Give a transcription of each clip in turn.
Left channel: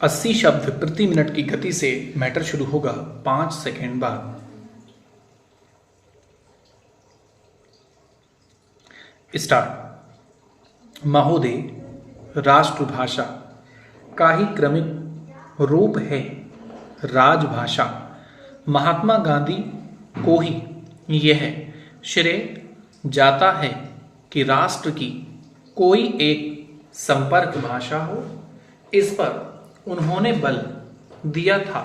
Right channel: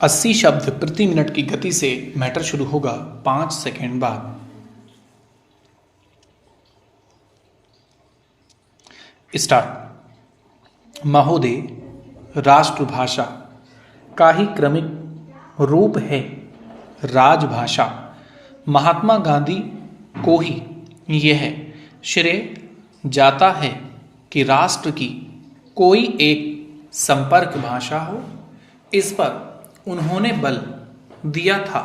80 शब्द प्रति मिनट की गति से मैटर शुरू होगा 5 सेकेंड बाद। स्टार्ट। महोदय, राष्ट्रभाषा का ही क्रमिक रूप है राजभाषा। महात्मा गांधी को ही यह श्रेय जाता है कि राष्ट्र की कोई एक संपर्क भाषा हो। इस पर उन्होंने बल दिया था।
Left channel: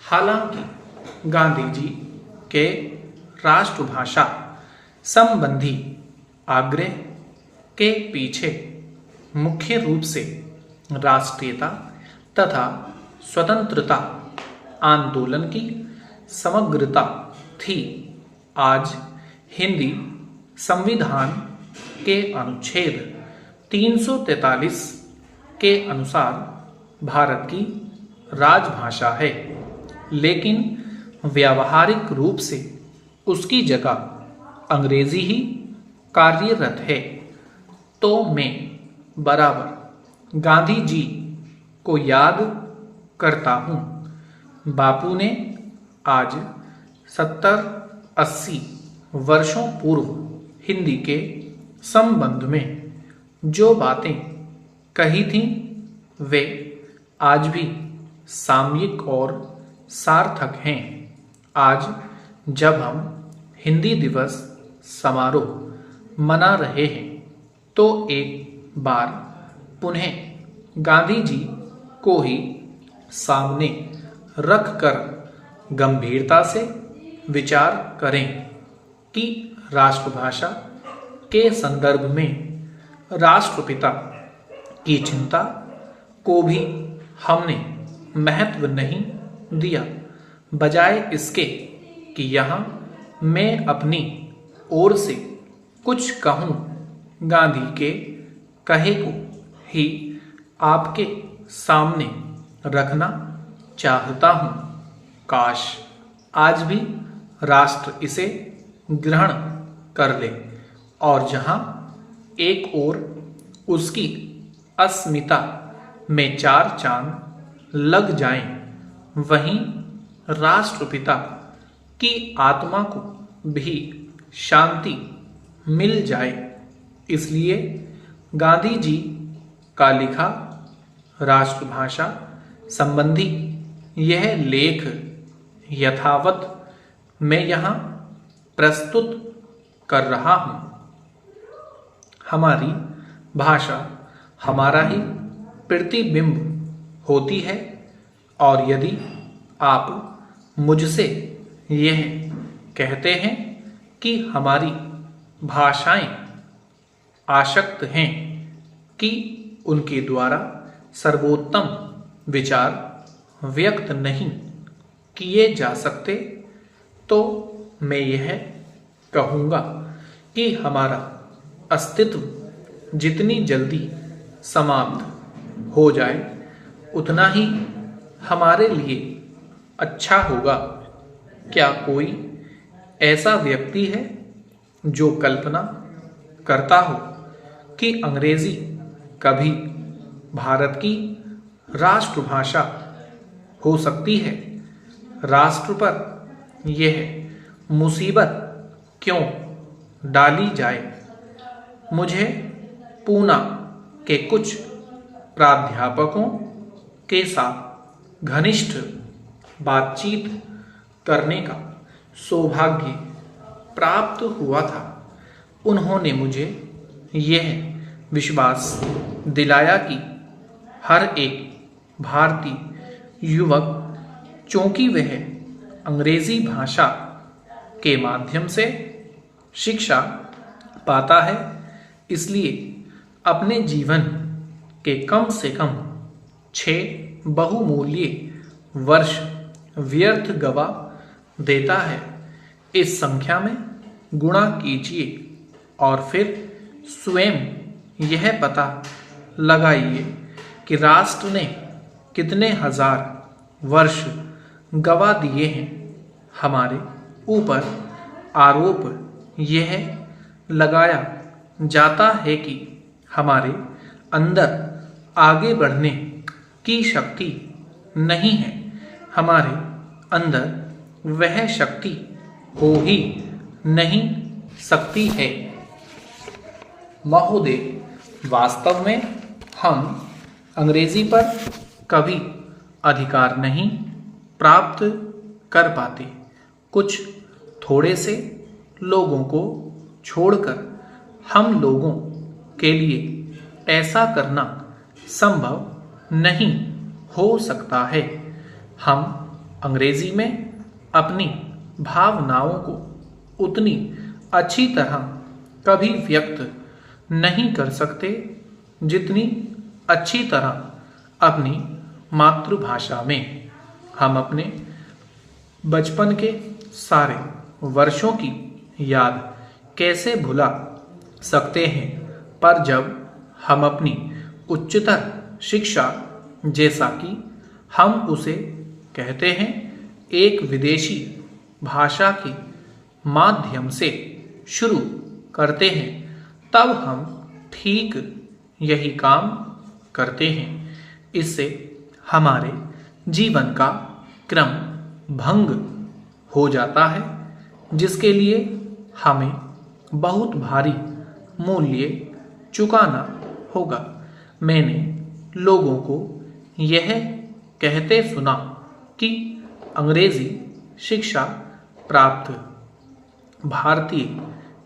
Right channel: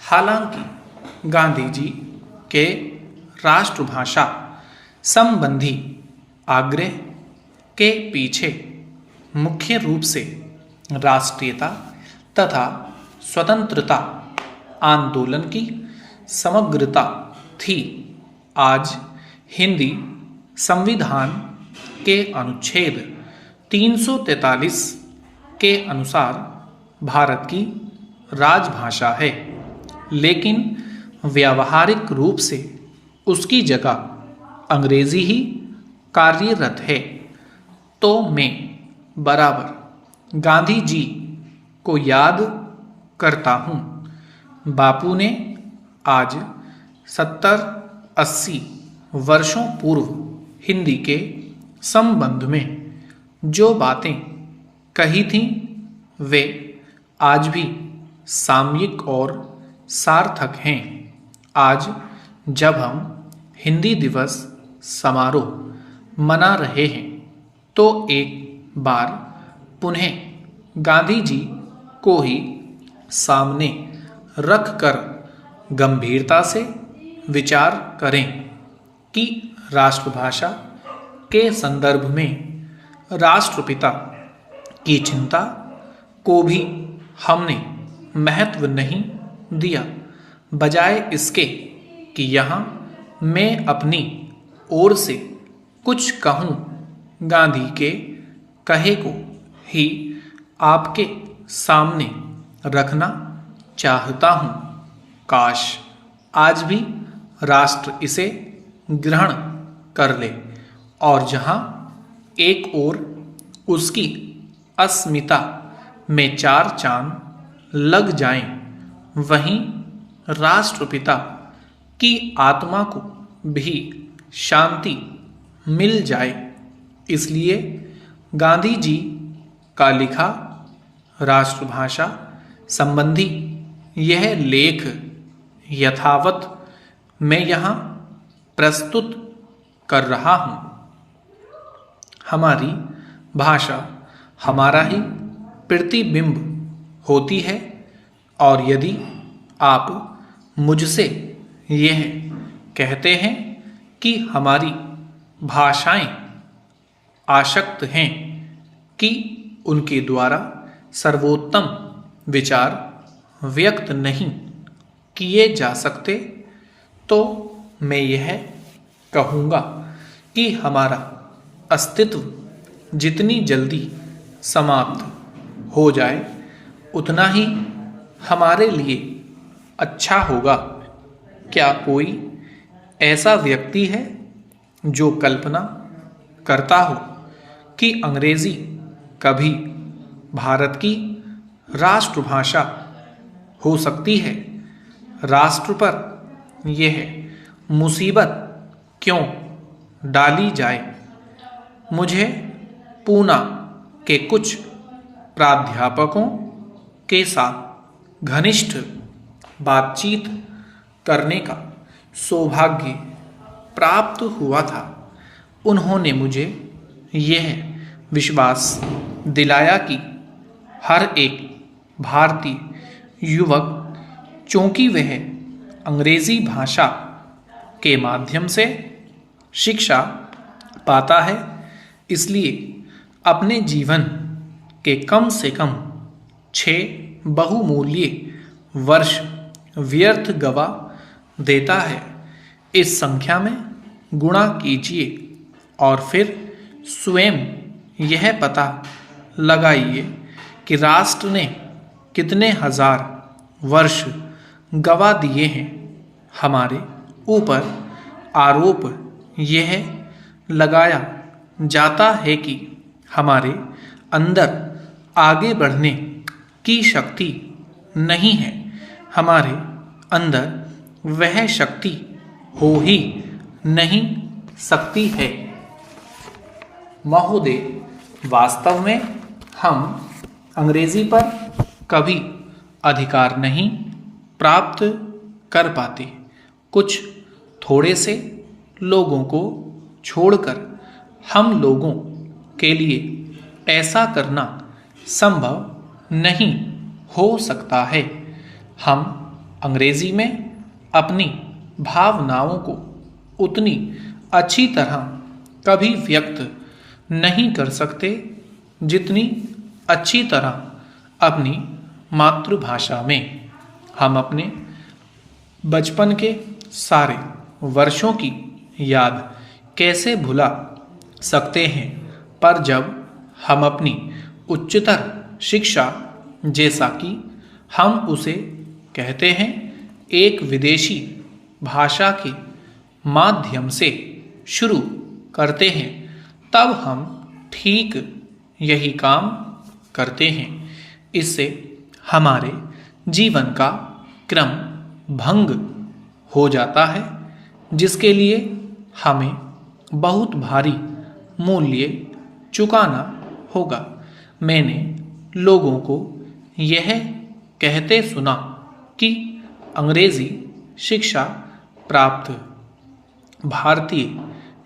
हालांकि गांधी जी के राष्ट्रभाषा संबंधी आग्रह के पीछे मुख्य रूप से राष्ट्रीयता तथा स्वतंत्रता आंदोलन की समग्रता थी। आज हिंदी संविधान के अनुच्छेद 343 के अनुसार भारत की राजभाषा है, लेकिन व्यावहारिक रूप से उसकी जगह अंग्रेजी ही कार्यरत है। तो मैं बराबर गांधी जी को याद करता हूँ। बापू ने आज 70-80 वर्षों पूर्व हिंदी के संबंध में जो बातें कही थीं, वे आज भी सामयिक और सार्थक हैं। आज जब हम हिंदी दिवस समारोह मना रहे हैं, तो एक बार पुनः गांधी जी को ही सामने रख कर गंभीरता से विचार करें कि राष्ट्रभाषा के संदर्भ में राष्ट्रपिता की चिंता को भी हमने महत्व नहीं दिया। बजाय इसके कि यहाँ मैं अपनी ओर से कुछ कहूँ, गांधी के कहे को ही आपके सामने रखना चाहता हूँ। काश आज भी राष्ट्र इसे ग्रहण कर ले और जहाँ एक ओर उसकी अस्मिता में 4 चांद लग जाएं, वहीं राष्ट्रपिता की आत्मा को भी शांति मिल जाए। इसलिए गांधी जी का लिखा राष्ट्रभाषा संबंधी यह लेख यथावत मैं यहाँ प्रस्तुत कर रहा हूँ। हमारी भाषा हमारा ही प्रतिबिंब होती है, और यदि आप मुझसे यह कहते हैं कि हमारी भाषाएं आशक्त हैं कि उनके द्वारा सर्वोत्तम विचार व्यक्त नहीं किए जा सकते, तो मैं यह कहूँगा कि हमारा अस्तित्व जितनी जल्दी समाप्त हो जाए, उतना ही हमारे लिए अच्छा होगा। क्या कोई ऐसा व्यक्ति है जो कल्पना करता हो कि अंग्रेजी कभी भारत की राष्ट्रभाषा हो सकती है? राष्ट्र पर यह मुसीबत क्यों डाली जाए? मुझे पूना के कुछ प्राध्यापकों के साथ घनिष्ठ बातचीत करने का सौभाग्य प्राप्त हुआ था। उन्होंने मुझे यह विश्वास दिलाया कि हर एक भारतीय युवक, चूंकि वह अंग्रेजी भाषा के माध्यम से शिक्षा पाता है, इसलिए अपने जीवन के कम से कम 6 बहुमूल्य वर्ष व्यर्थ गवा देता है। इस संख्या में गुणा कीजिए और फिर स्वयं यह पता लगाइए कि राष्ट्र ने कितने हजार वर्ष गवा दिए हैं। हमारे ऊपर आरोप यह लगाया जाता है कि हमारे अंदर आगे बढ़ने की शक्ति नहीं है, हमारे अंदर वह शक्ति हो ही नहीं सकती है। महोदय, वास्तव में हम अंग्रेजी पर कभी अधिकार नहीं प्राप्त कर पाते। कुछ थोड़े से लोगों को छोड़कर हम लोगों के लिए ऐसा करना संभव नहीं हो सकता है। हम अंग्रेजी में अपनी भावनाओं को उतनी अच्छी तरह कभी व्यक्त नहीं कर सकते जितनी अच्छी तरह अपनी मातृभाषा में। हम अपने बचपन के सारे वर्षों की याद कैसे भुला सकते हैं, पर जब हम अपनी उच्चतर शिक्षा, जैसा कि हम उसे कहते हैं, एक विदेशी भाषा के माध्यम से शुरू करते हैं, तब हम ठीक यही काम करते हैं। इससे हमारे जीवन का क्रम भंग हो जाता है, जिसके लिए हमें बहुत भारी मूल्य चुकाना होगा। मैंने लोगों को यह कहते सुना कि अंग्रेजी शिक्षा प्राप्त भारतीय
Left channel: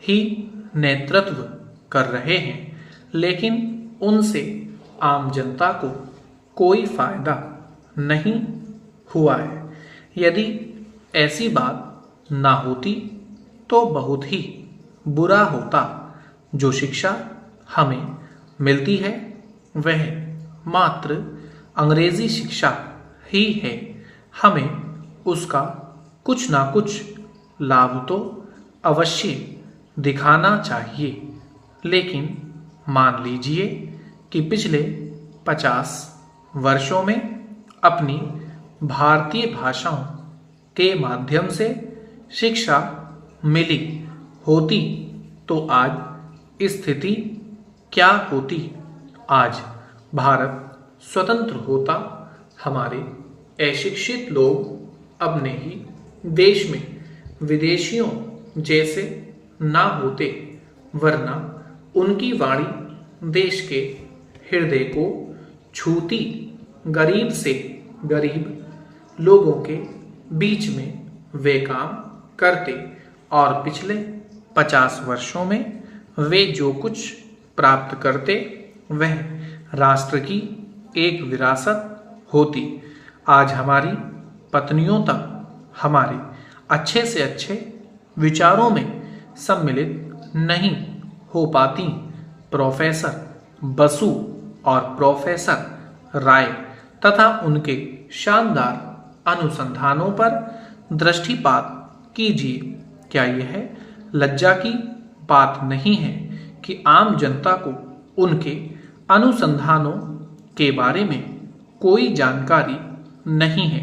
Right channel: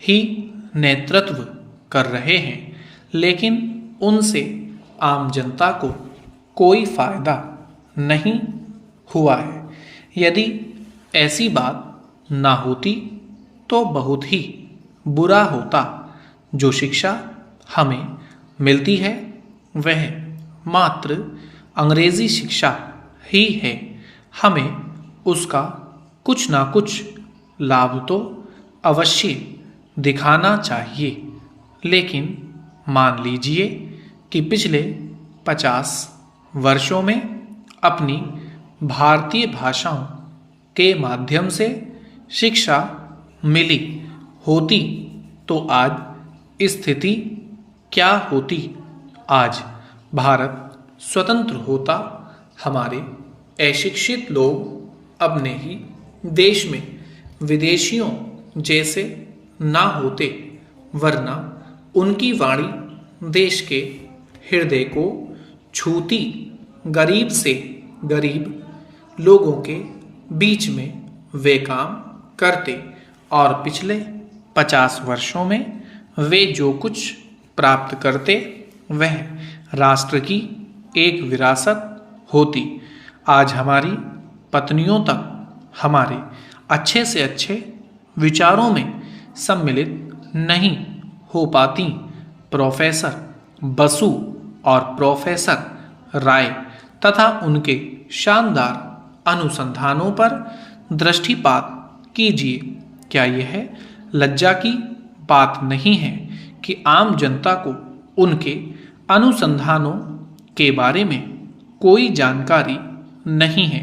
ही नेतृत्व कर रहे हैं, लेकिन उनसे आम जनता को कोई फायदा नहीं हुआ है। यदि ऐसी बात ना होती तो बहुत ही बुरा होता। जो शिक्षा हमें मिलती है वह मात्र अंग्रेजी शिक्षा ही है। हमें उसका कुछ ना कुछ लाभ तो अवश्य दिखाना चाहिए। लेकिन मान लीजिए कि पिछले 50 वर्षों में अपनी भारतीय भाषाओं के माध्यम से शिक्षा मिली होती तो आज स्थिति क्या होती। आज भारत स्वतंत्र होता, हमारे अशिक्षित लोग अपने ही देश में विदेशियों जैसे ना होते, वरना उनकी वाणी देश के हृदय को छूती। गरीब से गरीब लोगों के बीच में वे काम करते और पिछले 50 वर्षों में वे जो कुछ प्राप्त करते वह राष्ट्र की एक विरासत होती। आज हमारी पत्नियों तक हमारे अच्छे से अच्छे विचारों में सम्मिलित नहीं हो पाती। प्रोफेसर बसु और प्रोफेसर राय तथा उनके शानदार अनुसंधानों पर दृष्टिपात कीजिए। क्या यह लज्जा की बात नहीं है कि आम जनता को उनके अनुसंधानों के बारे में कोई जानकारी नहीं है।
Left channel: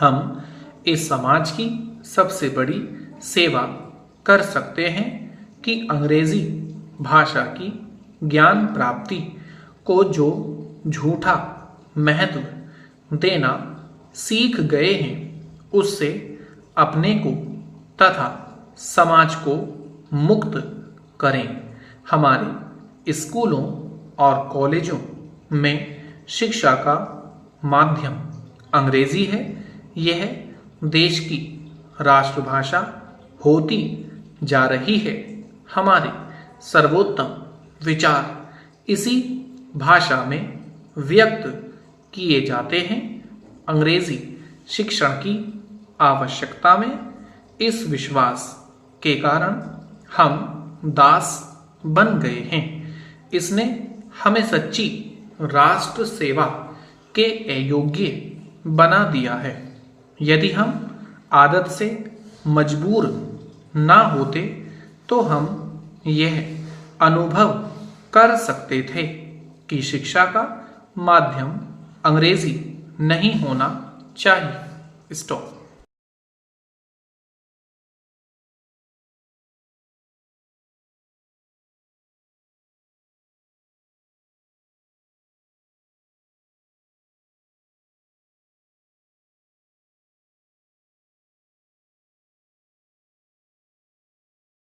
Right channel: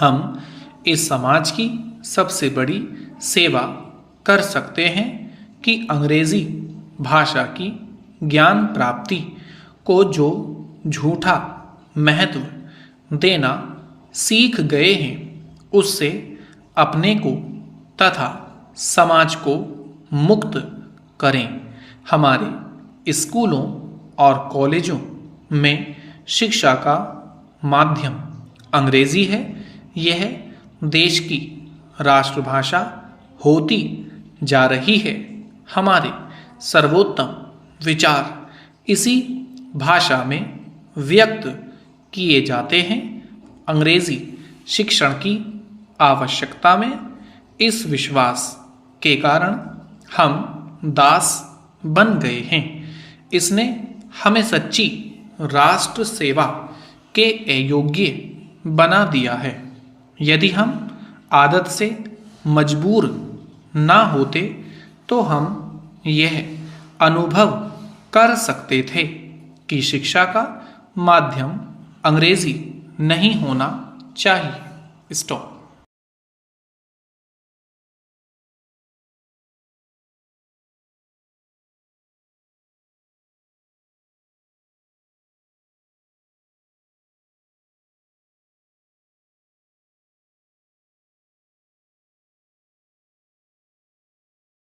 हम इस समाज की सबसे बड़ी सेवा कर सकते हैं कि अंग्रेजी भाषा की ज्ञान प्राप्ति को जो झूठा महत्व देना सीख गए हैं, उससे अपने को तथा समाज को मुक्त करें। हमारे स्कूलों और कॉलेजों में शिक्षा का माध्यम अंग्रेजी है। यह देश की राष्ट्रभाषा होती जा रही है। हमारे सर्वोत्तम विचार इसी भाषा में व्यक्त किए जाते हैं। अंग्रेजी शिक्षण की आवश्यकता में इस विश्वास के कारण हम दास बन गए हैं। इसने हमें सच्ची राष्ट्र सेवा के अयोग्य बना दिया है। यदि हम आदत से मजबूर ना होते तो हम यह अनुभव कर सकते थे कि शिक्षा का माध्यम अंग्रेजी नहीं होना चाहिए। स्टॉप।